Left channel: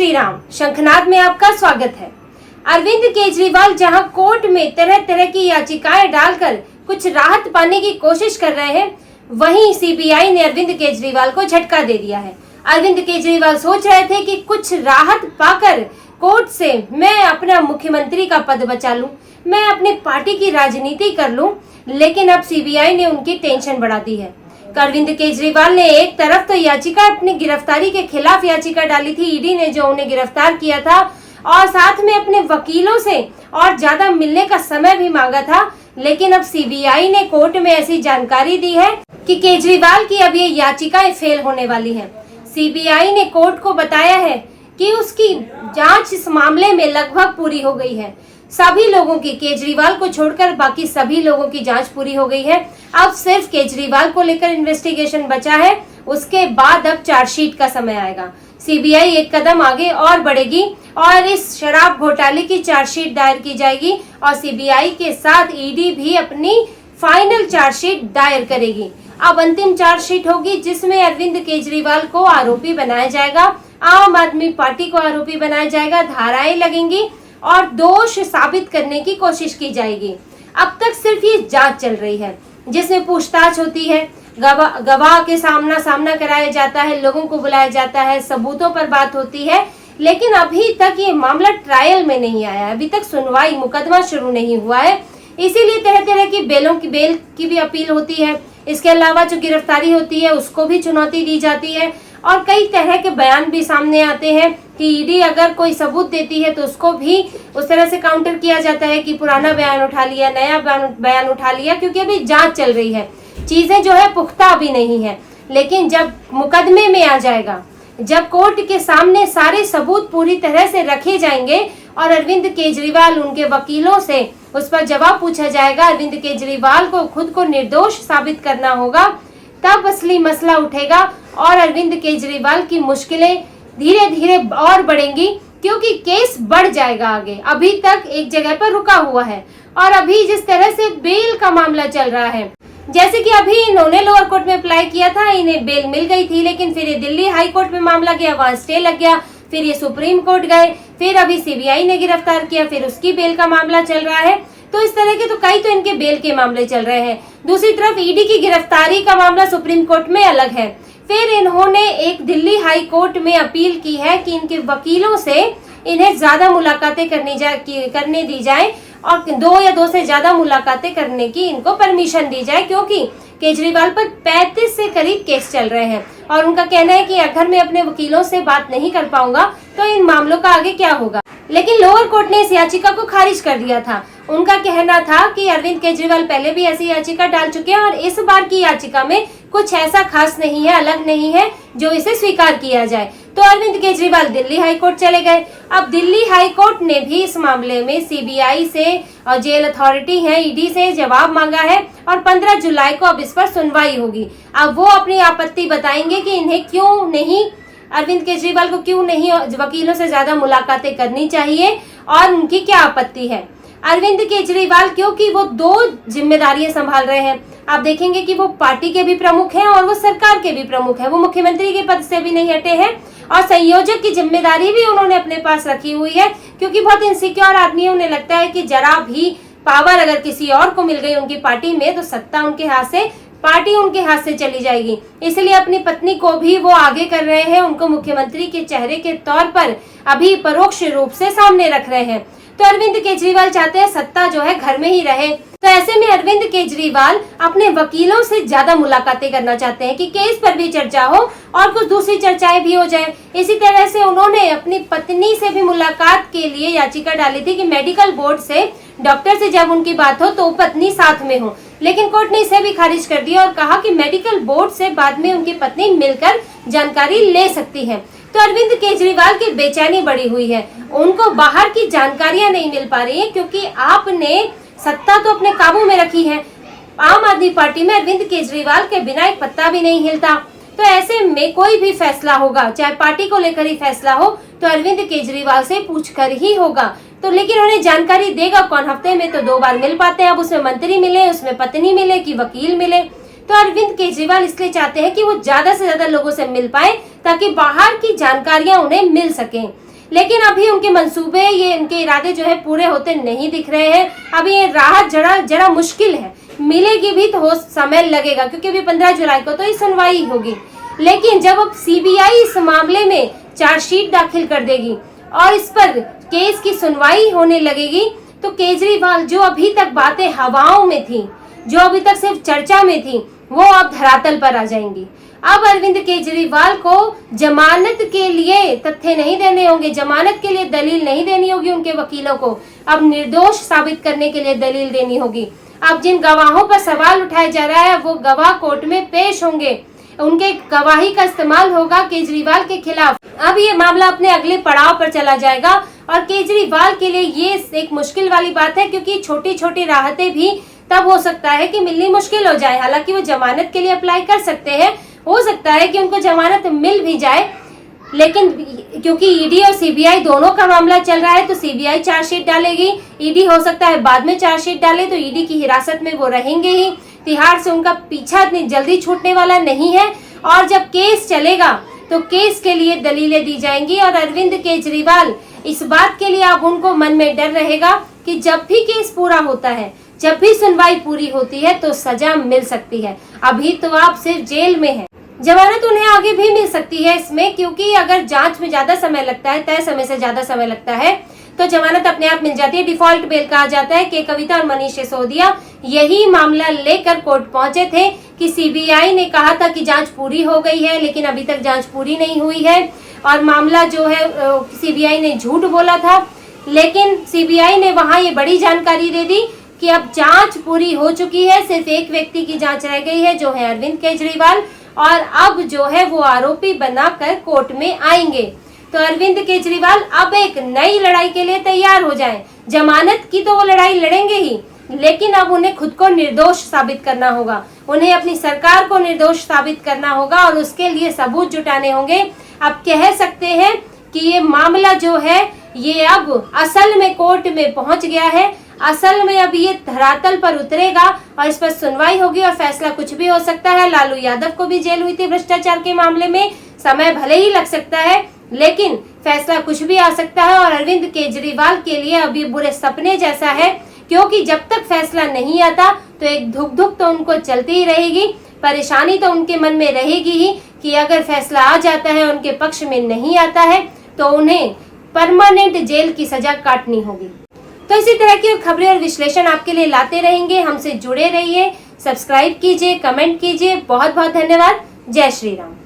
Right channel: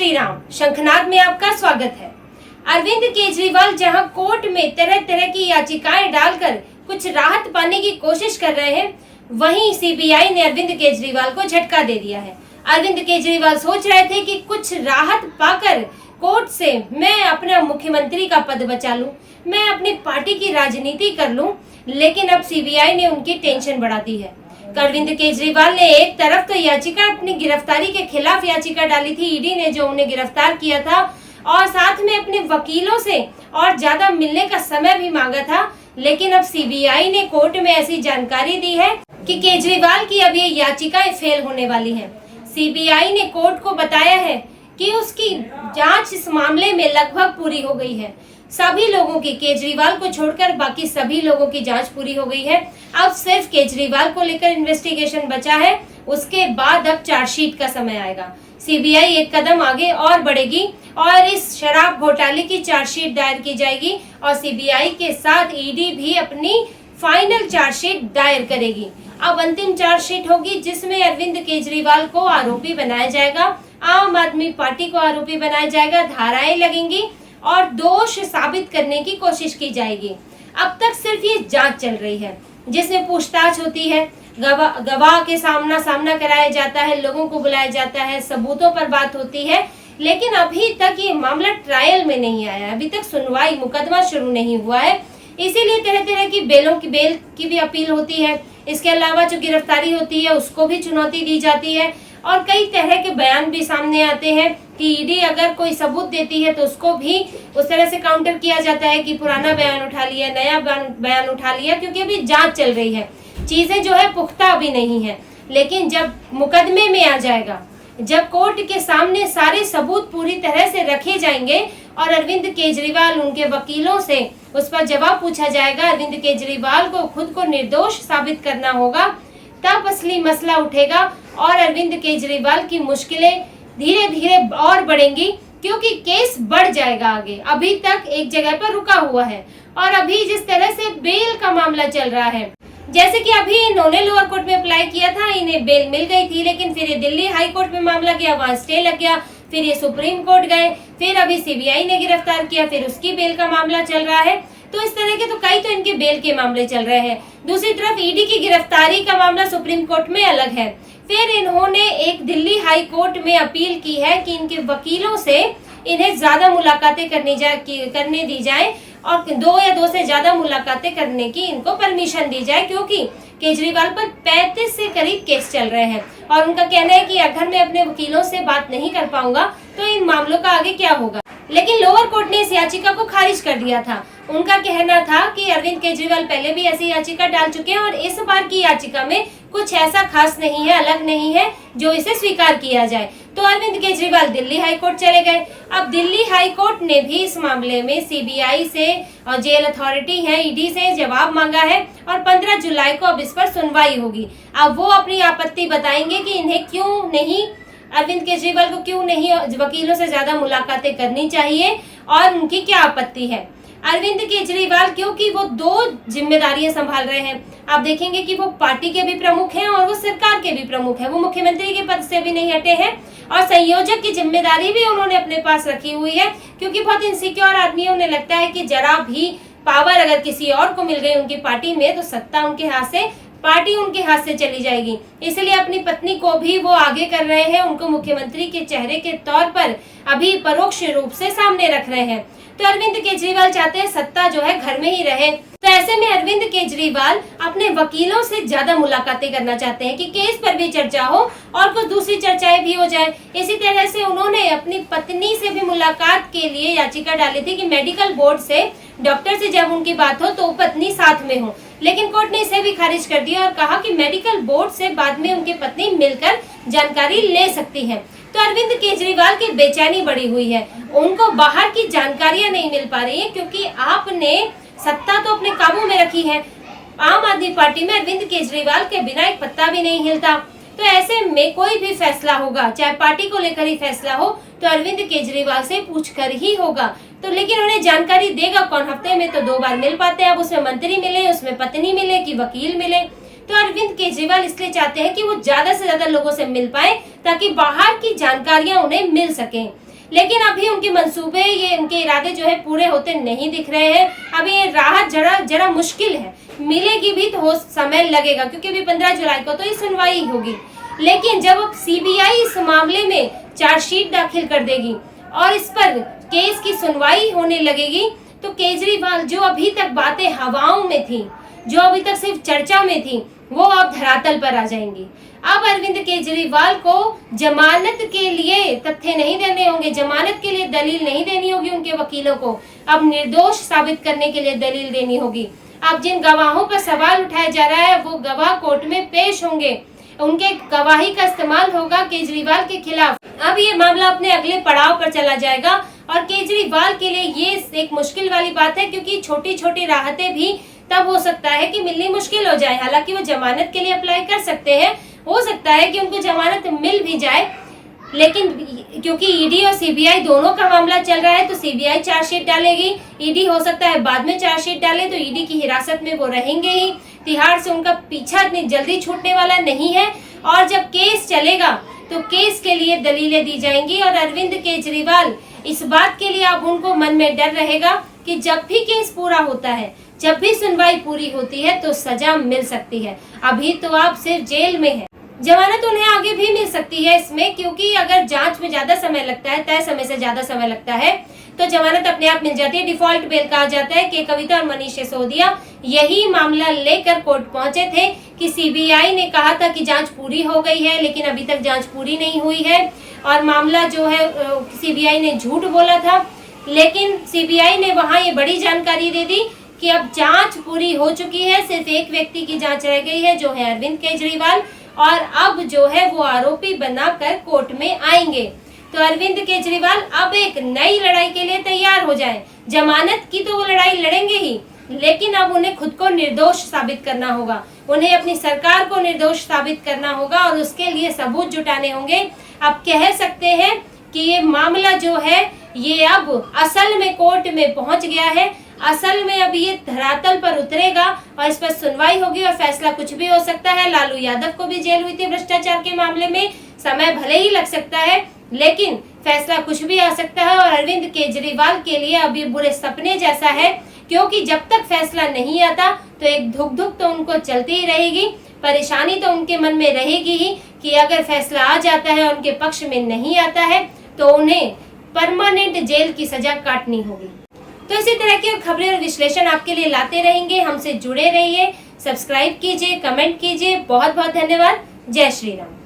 श्री राम। शंखनाद में आपका स्वागत है। अरविंद केजरीवाल जहां कोर्ट में तरह तरह की याचिकाएं डालकर कुछ राहत पाने की कोशिश कर रहे हैं, वहीं सीबीआई ने अरविंद केजरीवाल को झटका दे दिया है। अरविंद केजरीवाल सोच रहे थे कि कुछ राहत पाकर कोर्ट से मैं अपना मुख्यमंत्री का पद बचा लूं, मैं अपनी पार्टी की राजनीति कर लूं, लेकिन अब सीबीआई ने उनकी टेंशन बढ़ा दी है। अरविंद केजरीवाल ने एक तरफ तो याचिका अपनी गिरफ्तारी के खिलाफ याचिका डाली थी, ईडी ने जो उन्हें गिरफ्तार किया था, और साथ में अपने वकीलों से और ज्यादा मिलने का समय भी मांगा था। लेकिन अब सीबीआई ने कोर्ट में ऐसी जानकारी दी है कि केजरीवाल की अब ये याचिकाएं फेल होने वाली हैं। सीबीआई ने कोर्ट को बताया है कि उसकी जांच इस मामले में लगभग पूरी हो गई है। सभी लोगों की, केजरीवाल को छोड़कर बाकी सभी लोगों की जांच पूरी हो गई है। अब सिर्फ केजरीवाल को लेकर इन्वेस्टिगेशन बचा है। उसके बाद अब चार्जशीट का समय आएगा। सीबीआई एक कदम आगे और बढ़ेगी और इस शराब घोटाले की चार्जशीट दायर की जाएगी और सीबीआई के साथ ईडी भी अपनी फाइनल चार्जशीट दायर करेगी। अब अंतिम चार्जशीट होगी जिसमें अरविंद केजरीवाल को आरोपी बनाया जाएगा, आम आदमी पार्टी को आरोपी बनाया जाएगा, धाराएं लगेंगी और दोष साबित करने की कोशिश की जाएगी। अब तक सिर्फ ये जांच चल रही है जिसमें पूछताछ होती है, गवाह के सामना कराया जाता है, लोगों को बुलाया जाता है, सबूतों पर बात होती है। लेकिन अभी तक ये मामला ट्रायल में नहीं आया है, अभी तक सुनवाई, मुकदमा शुरू नहीं हुआ है। इसीलिए तरह तरह की बेल की भी अपील होती है। इसके अलावा जो गिरफ्तारी होती है उसको भी चुनौती दी जाती है और कई तरह के बयान भी सामने आते हैं कि ईडी अगर कोई सबूत देती है तो उसको भी उस तरह से काउंटर किया जाता है कि पुराना बयान उठा लिया, नया बयान उठा लिया, क्योंकि अभी जांच चल रही है, चीजें जो है पुख्ता अभी नहीं है। लेकिन जब मुकदमे में आ जाएगा, जब कोर्ट के सामने सारे सबूत पूरी तरह से रखे जाएंगे और अरविंद केजरीवाल, उनके वकीलों से उस पर जवाब पूछा जाएगा, अरविंद केजरीवाल को खुद को निर्दोष साबित करना होगा, तब असली मसला उठेगा और अरविंद केजरीवाल की मुश्किलें धीरे धीरे और बढ़ेंगी, क्योंकि केस बढ़ जाएगा आगे। अभी तक एक जगह पर रुका हुआ है और अभी जिस तरह से बेल का मामला चल रहा है, जैसे कि अभी इन्होंने लोअर कोर्ट में अप्लाई किया था, इन्हें बेल मिल गई थी, लेकिन फिर ये दिल्ली हाई कोर्ट में मामला गया, वहां स्टे लग गया, फिर ये सुप्रीम कोर्ट गए, फिर अभी सीबीआई ने गिरफ्तार किया, फिर उसकी बेल का मामला चल रहा है। तो इस तरह के तो कई तो इनके बेल के मामले चल रहे हैं। दूसरी तरफ ईडी की गिरफ्तारी का मामला सुप्रीम कोर्ट में अलग है। फिर इन्होंने एक दिल्ली हाई कोर्ट में अपील की है कि इनके वकीलों से इन्हें ज्यादा मुलाकातें करने दी जाए और 2 या 2 से ज्यादा मुलाकातें करने की इनको परमिशन दी जाए, क्योंकि केजरीवाल पर 35 से करीब केस चल रहे हैं और उनका कहना है कि अगर मैं अपने वकीलों से बात नहीं कर पाऊंगा तो इन मामलों का आगे क्या होगा। लेकिन लोअर कोर्ट ने इस याचिका को खारिज कर दिया था। उनका कहना था कि अरविंद केजरीवाल पहले भी ऐसी याचिका डाल चुके हैं और इस बार की याचिका में कुछ ऐसा खास नहीं है, अलग नहीं है जो इसे स्वीकार किया जाए। तो अरविंद केजरीवाल दिल्ली हाई कोर्ट चले गए। अब दिल्ली हाई कोर्ट ने भी इस मामले में सीबीआई से और जेल अथॉरिटी है, ईडी से जवाब मांगा है और 15 जुलाई को अब इस पर सुनवाई होगी। अब वो अपनी आपत्ति बताएंगे कि इन्हें क्यों नहीं, अरविंद केजरीवाल को क्यों नहीं वकीलों से ज्यादा मुलाकातें करनी चाहिए और उनकी क्या आपत्ति है। अरविंद केजरीवाल क्योंकि वो 2 जिम्मेदारियां संभाल रहे हैं, आप देखेंगे कि वो पार्टी के भी प्रमुख हैं और वो सरकार के भी प्रमुख हैं, वो मुख्यमंत्री के पद से भी नहीं हटे हैं और संयोजक की जिम्मेदारी भी उन्होंने अपने पास रखी हुई है, क्योंकि बहुत इनसिक्योर आदमी है। उन्हें लगता है कि जरा भी पावर अगर किसी और को मिल गई उनकी पार्टी में तो सत्ता उनके हाथ से, पार्टी उनके हाथ से चली जाएगी। इसलिए अपनी पत्नी को भी वो आगे कर रहे हैं, उनको मुख्यमंत्री के चेहरे के तौर पर अभी परोक्ष रूप से सामने रख रहे हैं। तो अरविंद केजरीवाल चाहते हैं सत्ता जो है घर में ही रहे। तो ऐसे में अरविंद केजरीवाल अपने वकीलों से ज्यादा मुलाकातें करना चाहते हैं कि केस पर भी चर्चा हो और कुछ दूसरी चर्चाएं भी हो जाए। इसी तरह से उन्होंने अपनी पत्नी से भी मुलाकात के लिए याचिका डाली थी कि मेडिकल बोर्ड से, डॉक्टर से जब उनकी बात हो तो पत्नी साथ में हो, लेकिन कोर्ट ने इसे भी खारिज कर दिया और कहा कि मेडिकल बोर्ड से बाद में उनकी पत्नी मिलकर जानकारी ले सकती है। तो अरविंद केजरीवाल की बेचैनी बढ़ी हुई है, उनको बाहर की जानकारियां नहीं मिल पा रही है, क्योंकि आपने सत्ता तो अपने काबू में रखी है। आम आदमी पार्टी में अरविंद केजरीवाल के बिना एक पत्ता भी नहीं हिलता। तो ऐसे में कोई भी फैसला होगा, चाहे पार्टी को लेकर ही फैसला हो, तो अरविंद केजरीवाल से पूछकर ही होगा। तो लेकिन उन्हें जानकारी देगा कौन? हफ्ते में तो 2 बार मिल पाते हैं, अब उसमें मंत्री मिले, उसमें पत्नी मिले कि वकील मिले। तो अरविंद केजरीवाल इसलिए चाहते हैं कि वो ज्यादा से ज्यादा लोगों से मिल पाए ताकि बाहर की जानकारियां उन्हें मिल सकें। लेकिन अभी उनके मंसूबे, ये उनके इरादे जो है पूरे होते नहीं दिख रहे हैं। अभी ये राहत जरा मुश्किल है, मिलेगी भी तो हो समय लगेगा, क्योंकि अभी 15 जुलाई को तो ये सुनवाई होगी। लेकिन जब अब सीबीआई इस मामले में चार्जशीट दाखिल कर देगी और इस पर केस की सुनवाई होने लगेगी, तो केजरीवाल जो अभी तक बातें हवाओं में थी, जो अभी तक सिर्फ चर्चा में थी, वो अब धरातल पर आ जाएंगी। अब अरविंद केजरीवाल को जमानत के लिए तथ्य नहीं देने होंगे, जमानत के लिए दलील नहीं देनी होगी उनके वकीलों को, अब निर्दोष साबित करने के लिए दलील देनी होगी। अब जिन गवाहों पर सवाल उठाया जा रहा है वो गवाह कोर्ट में पेश होंगे, उनके गवाही का इस्तेमाल होगा केजरीवाल के खिलाफ। अब ये मामला अपने अगले पड़ाव पर चला जाएगा और केजरीवाल के लिए ये एक मुश्किल वाली बात है, क्योंकि छोटी छोटी राहतें भी तब हो सकता है कि मिलनी मुश्किल हो जाए। हालांकि वो जमानत के लिए अप्लाई कर सकते हैं, हो सकता है कि उनको जमानत मिल भी जाए, लेकिन क्योंकि ईडी और सीबीआई दोनों का मामला चल रहा है तो सीबीआई चार्जशीट डालेगी, ईडी हो सकता है बाद में चार्जशीट डाले, तो ईडी की हिरासत में वो रहेंगे ही। तिहाड़ से उनका पीछा इतनी जल्दी छूटने वाला नहीं है और जब केस चलेगा तो केस के लिए दलीलें दी जाएंगी। और अरविंद केजरीवाल इस बात के लिए अब उनको मन में डर रहेगा कि जब भी केस पूरा होता है, जब भी सुनवाई पूरी होती है तो सजा मिल सकती है। अभी तो आप सिर्फ जेल में हैं, जमानत उन्हें आगे भी मिल सकती है इसमें, क्योंकि अगर जांच में ज्यादा समय लगता है, तय समय से ज्यादा समय लगता है, तो जमानत अपने आप मिल जाती है। डिफॉल्ट बेल कहा जाता है कि कविता और मनीष सिसोदिया यही मामला लेकर कोर्ट पहुंचे थे कि सीबीआई ने कहा था कि जांच पूरी हो गई है, लेकिन अभी तक जांच पूरी नहीं हुई है और मामला जो है सीबीआई ने झूठ बोला था। लेकिन सीबीआई ने वहां ये बड़ी जानकारी दे दी कि अब जांच पूरी हो चुकी है, सिर्फ एक व्यक्ति की जांच रह गई है जो है अरविंद केजरीवाल, और अब जो है वो आरोपी बनाकर कोर्ट में आएंगे। तो अरविंद केजरीवाल अब एक नई लड़ाई के लिए तैयार हो जाएं। जमानत की तो वो लड़ाई लड़ेंगे ही, लेकिन अब उन्हें खुद को निर्दोष साबित करना होगा, उन्हें अपनी सरकार को निर्दोष साबित करना होगा और उसके लिए सबूत जुटाने होंगे। अब कह सकते हैं कि ये मामला जो है ये अब असल में कोर्ट में पहुंच गया है, असल में अब ये धरातल पर उतरेगा और इस पर सुनवाई होगी और फैसला कुछ भी हो सकता है। लालू यादव को भी जेल हुई थी भ्रष्टाचार के मामले में, समय भले ही लग सकता है लेकिन फैसला कुछ भी आ सकता है। और अरविंद केजरीवाल के लिए अभी बुरे सपने जैसा है, क्योंकि जब तक फैसला नहीं आता तो एक धुक धुक तो उनको चलती ही रहेगी, परेशानी तो उनके मन में रहेगी ही कि अगर फैसला आ जाता है और उनके पक्ष में नहीं आता है तो उन्हें परमानेंट जेल की सजा काटनी होगी। तो इसी तरह की खबरें और विश्लेषण आपके लिए लाते रहेंगे, हमसे जुड़े रहिए, सब्सक्राइब कीजिए, कमेंट कीजिए। बहुत बहुत धन्यवाद। जय श्री राम।